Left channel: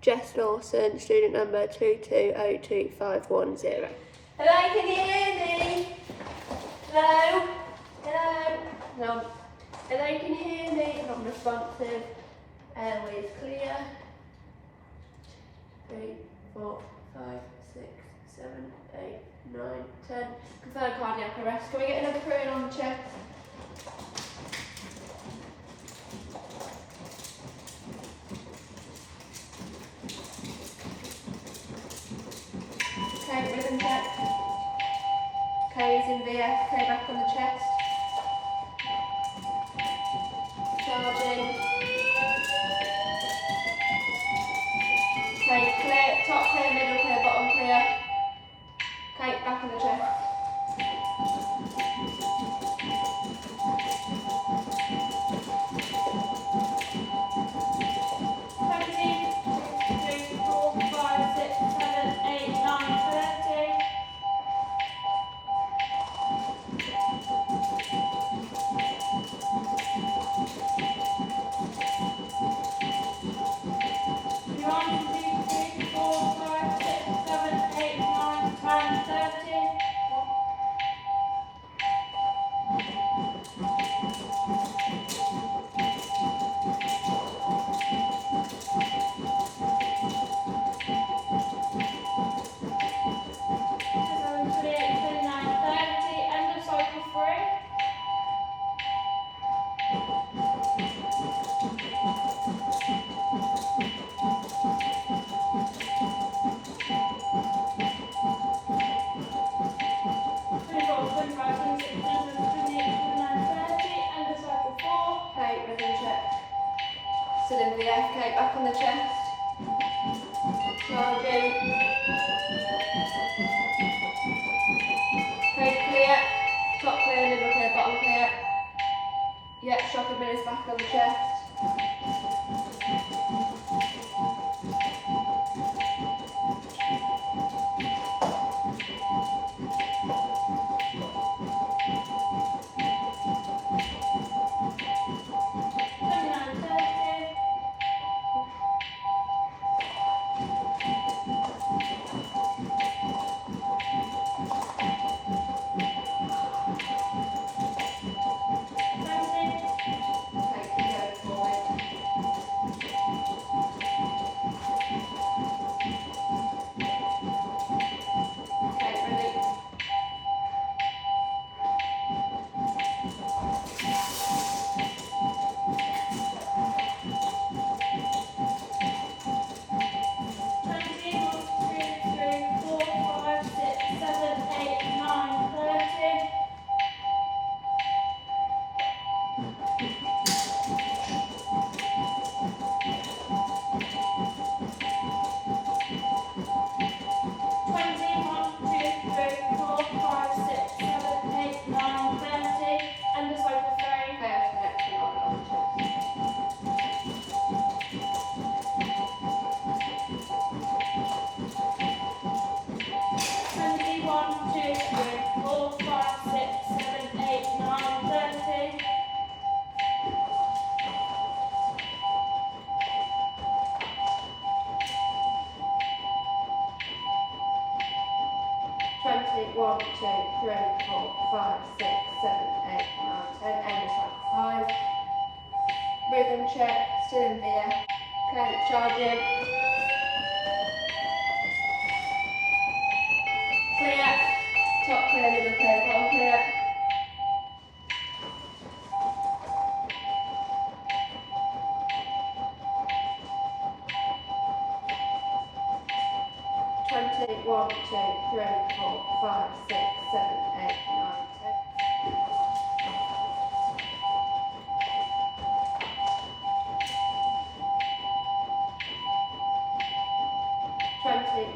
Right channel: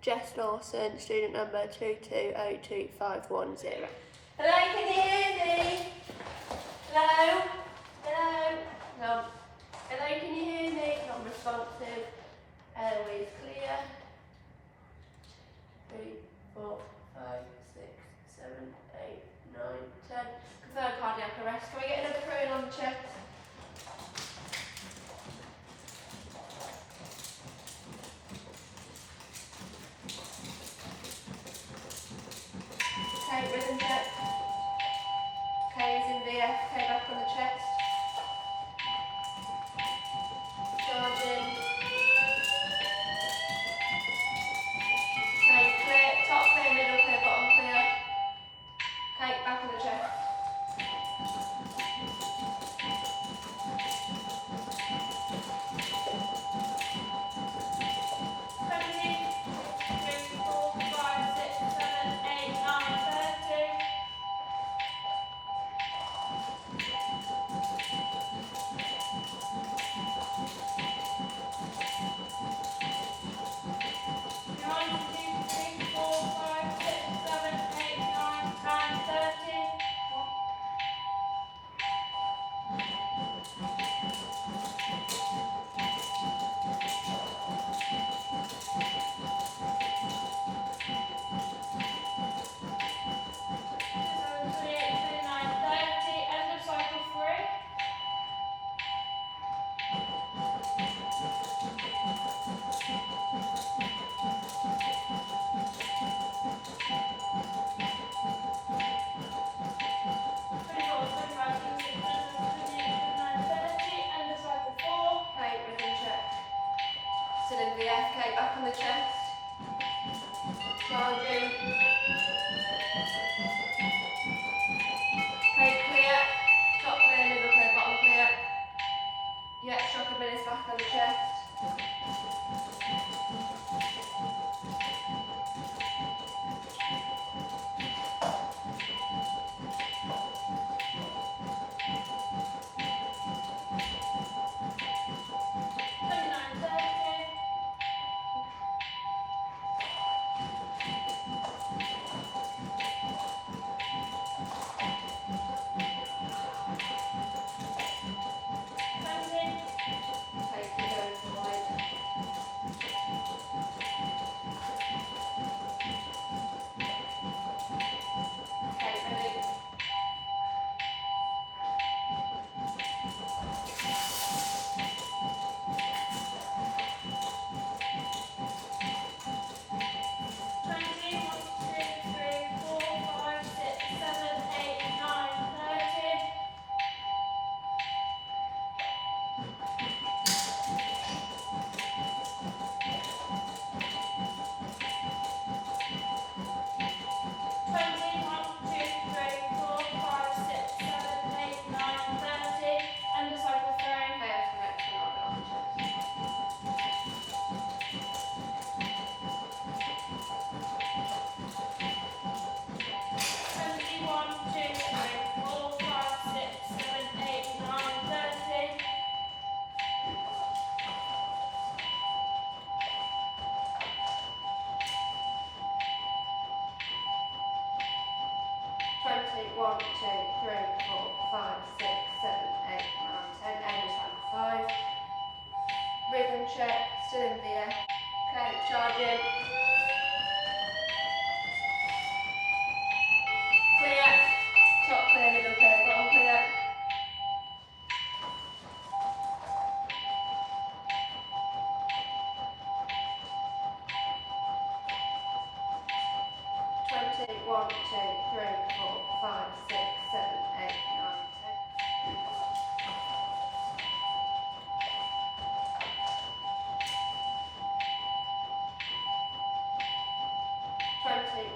Jess Lawson, student number 2202510. Hello, can you hear me? Hello? Hello? No. Hello, can you hear me? Not responsive. Airways clear. 3, 4, 5, 6, 7, 8, 9, 10. Confirmed cardiac arrest. Can we get another crew in on the chest? Okay, rhythm check. K is in VF, K back on the chest. Charging. Okay, clear, top clear, middle clear, bottom clear. Okay, back on the chest. Sit in VF, okay, back on the chest. Charging. Okay, clear. Top clear, middle clear, bottom clear. Yeah, shock and minutes back on the chest. One, two, 3, 4, 5, 6, 7, 8, 9, 10, end of cycle 5. Rhythm check, still in VF. Okay, charging. Clear, top clear, middle clear, bottom clear. One, two, 3, 4, 5, 6, 7, 8, 9, 10.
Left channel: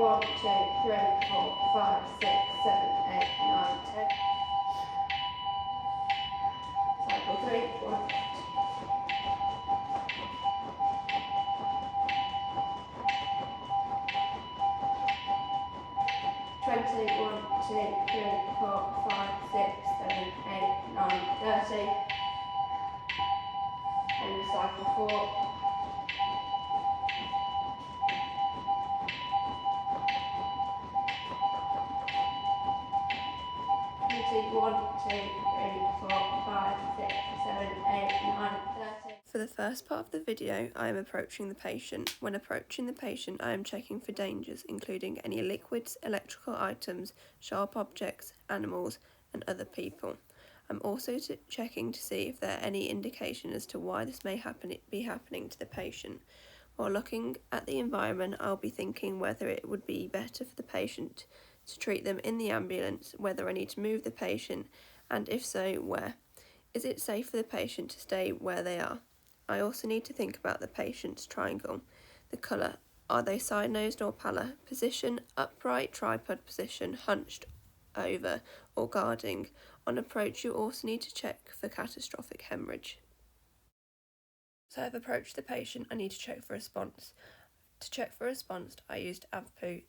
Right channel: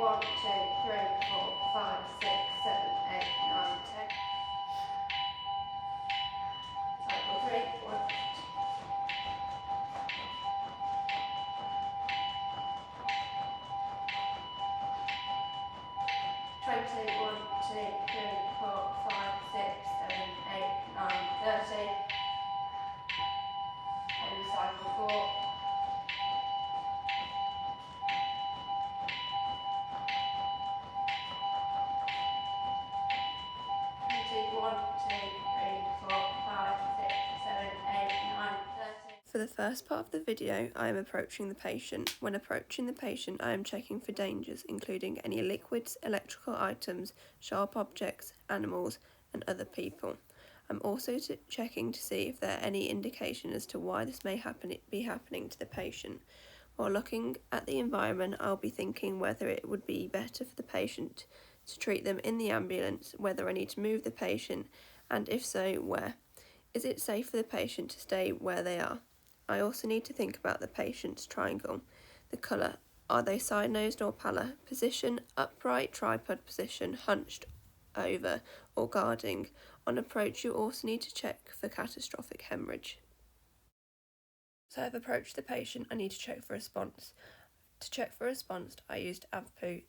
1, 2, 3, 4, 5, 6, 7, 8, 9, 10. Cycle 3, 1. Twenty, 1, 2, 3, 4, 5, 6, 7, 8, 9, 30. And cycle 4. 1, 2, 3, 4, 5, 6, 7, 8, 9, 30. For the first part of the video, I am approaching the patient. When approaching the patient, I am checking for dangers, including any liquids, electrical items, sharp objects, animals, and other people. I'm also checking to see if there are any indication as to why this may be happening to the patient. While looking at the environment, I'll be thinking whether it would be better for the patient to treat them in the ambulance, whether I need to move the patient, and if so, where. Is it safe for the patient to stay where they are? I also need to think about the patient's triangle. The colour. Are they side-nosed or pallor? Position, upright, tripod position, hunched over, or guarding. On approach, you also need to check for catastrophic hemorrhage. So I've approached the patient. I need to check for response. To check for response, I used AVPU.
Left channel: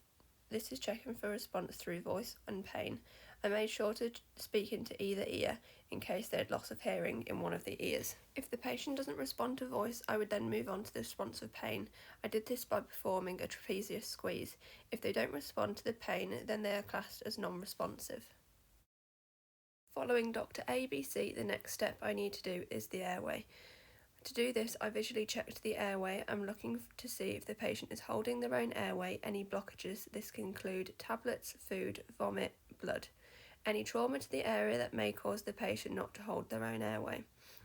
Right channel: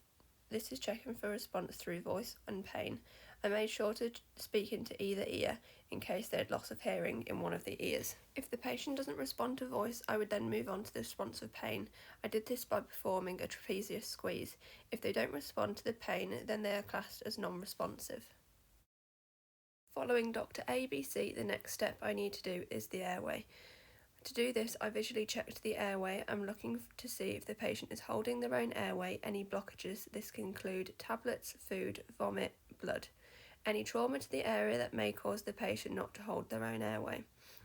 This is checking for response through voice and pain. I made sure to speak into either ear in case they had loss of hearing in one of the ears. If the patient doesn't respond to voice, I would then move on to the response of pain. I did this by performing a trapezius squeeze. If they don't respond to the pain, then they are classed as non-responsive. Following Dr. ABC, the next step I need to do is the airway. To do this, I visually checked the airway. I'm looking to see if the patient is holding their own airway, any blockages. This can include tablets, food, vomit, blood. Any trauma to the area that may cause the patient not to hold their own airway.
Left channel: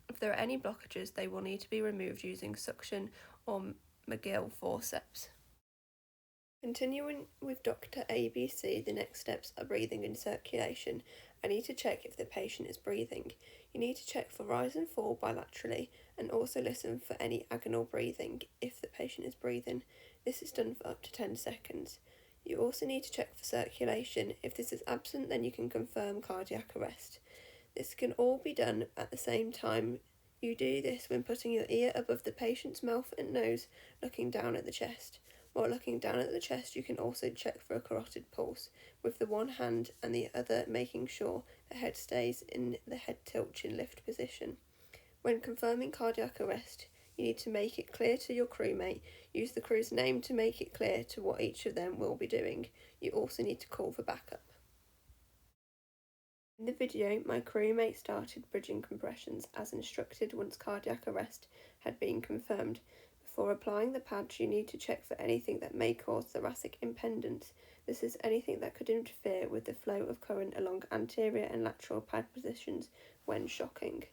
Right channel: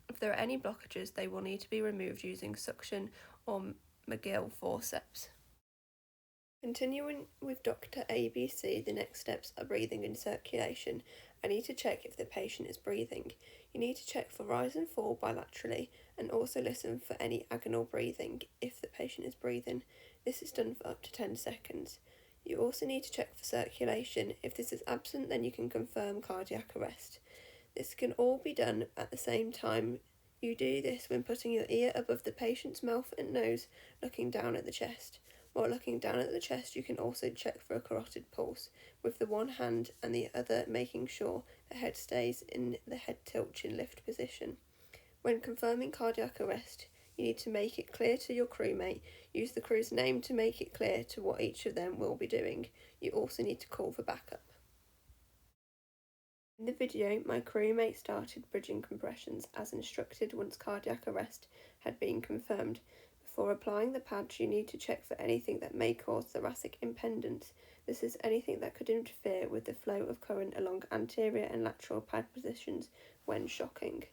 If there are any blockages, they will need to be removed using suction or McGill forceps. Continuing with Dr. ABC, the next steps are breathing and circulation. I need to check if the patient is breathing. You need to check for rise and fall bilaterally and also listen for any agonal breathing if the patient is breathing. This is done for up to 10 seconds. You also need to check for circulation. If this is absent, then you can confirm cardiac arrest. This can all be done at the same time. You do this when putting your ear above the patient's mouth and nose, looking down at the chest. While looking down at the chest, you can also check for a carotid pulse, with the one hand and the other making sure the head stays in the head tilt chin lift position. When confirming cardiac arrest, you need to make it clear to your crewmate. Use the crew's name to make it clear to what each of them will be doing. You also need to call for backup. In the video, my crewmate started bridging compressions as instructed once cardiac arrest had been confirmed. Before applying the pads, you need to check for anything that may cause thoracic impedance. This is anything that could interfere with the flow of current along anterior and lateral pad positions when shocking.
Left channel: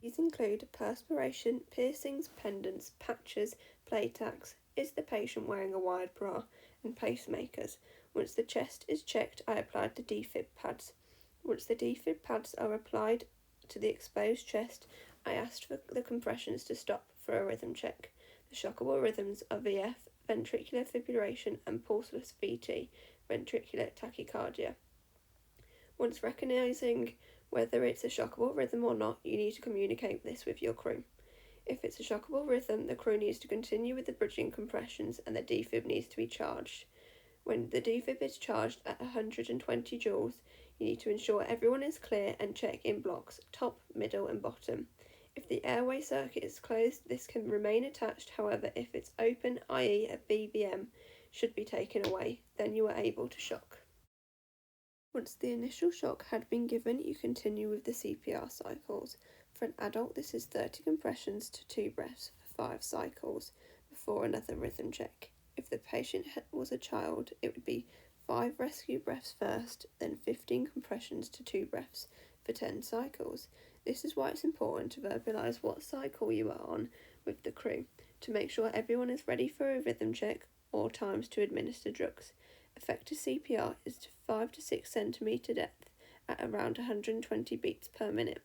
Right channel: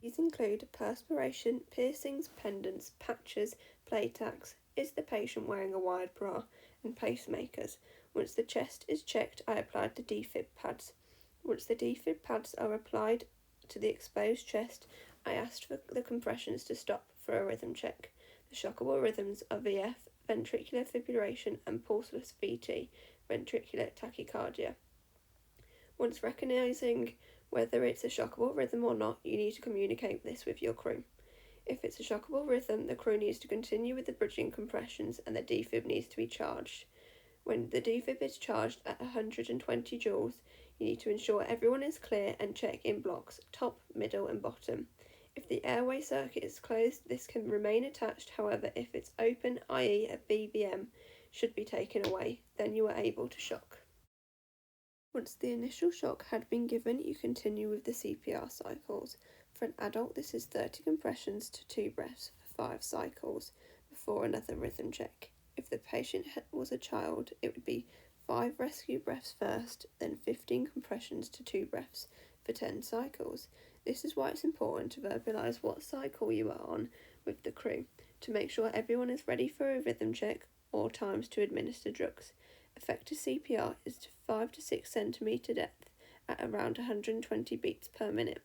These include perspiration, piercings, pendants, patches, play tacks, is the patient wearing a wide bra, and pacemakers. Once the chest is checked, I applied the defib pads. Once the defib pads are applied to the exposed chest, I asked for the compressions to stop for a rhythm check. The shockable rhythms are VF, ventricular fibrillation, and pulseless VT, ventricular tachycardia. Once recognising whether it's a shockable rhythm or not, you need to communicate this with your crew. If it's a shockable rhythm, the crew needs to continue with the bridging compressions and the defib needs to be charged. When the defib is charged at 120 joules, you need to ensure everyone is clear and check in blocks, top, middle and bottom. If the airway circuit is closed, this can remain attached. However, if it's open, i.e. a BBM, should be taken away. Then you are able to shock. Once the initial shock had been given, you continue with the CPR cycles. For an adult, this is 30 compressions to 2 breaths for 5 cycles before another rhythm check. If the patient was a child, it would be 5 rescue breaths first, then 15 compressions to 2 breaths for 10 cycles. This is why it's important to verbalise what cycle you are on with the crew, to make sure everyone is ready for a rhythm check or times to administer drugs. Effective CPR is to 5 to 6 centimetre depth at around 120 beats per minute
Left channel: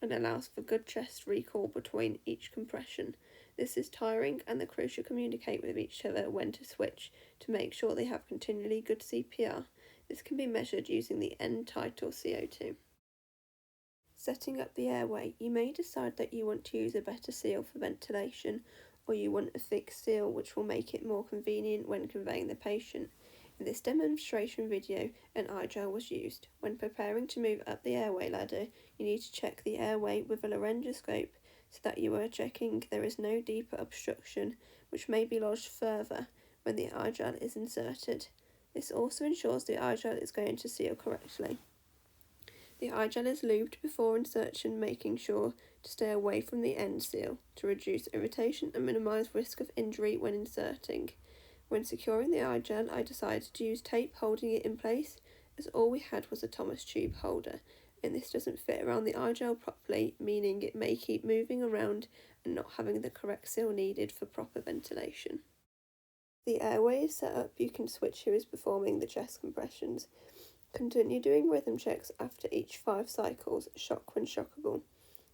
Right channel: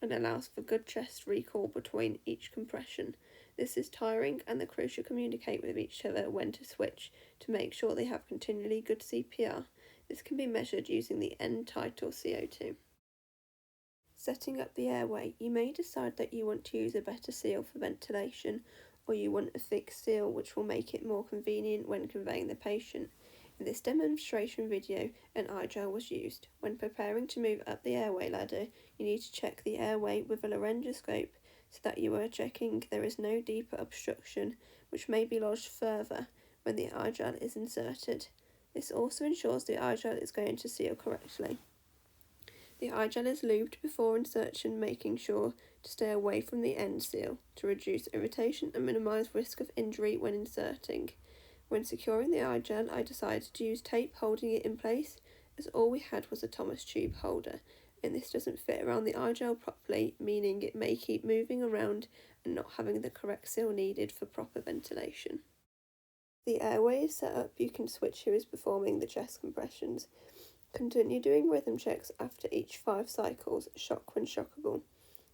and allows for good chest recall between each compression. This is tiring and the crew should communicate with each other when to switch to make sure they have continually good CPR. This can be measured using the end tidal CO2. Setting up the airway, you may decide that you want to use a better seal for ventilation or you want a fixed seal which will make it more convenient when conveying the patient. In this demonstration video, an eye-gel was used. When preparing to move up the airway ladder, you need to check the airway with a laryngoscope so that you are checking there is no deeper obstruction which may be lodged further when the eye-gel is inserted. This also ensures the eye-gel is going to seal correctly. The eye gel is lubed before insertion, making sure to stay away from the end seal to reduce irritation and minimise risk of injury when inserting. When securing the eye gel, I decided to use tape holding it in place, as all we had was a Thomas tube holder, and this doesn't fit around the eye gel properly, meaning it may keep moving around and not having the correct seal needed for proper ventilation. The airway is set up, you can switch who is performing the chest compressions. Continue doing rhythm checks after each 5 cycles, shock when shockable.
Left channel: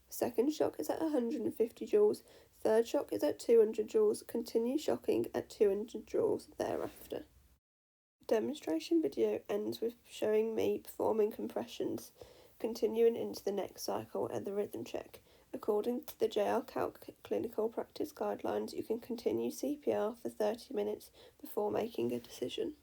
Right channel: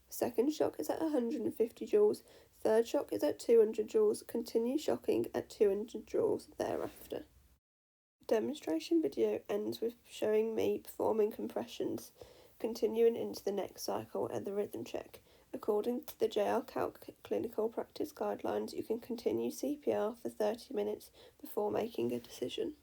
Second shock is at 150 joules, third shock is at 200 joules, continue shocking at 200 joules thereafter. The demonstration video ends with showing me performing compressions, continuing into the next cycle and the rhythm check. According to the JL Calc clinical practice guidelines, you can continue CPR for 30 minutes before making a decision.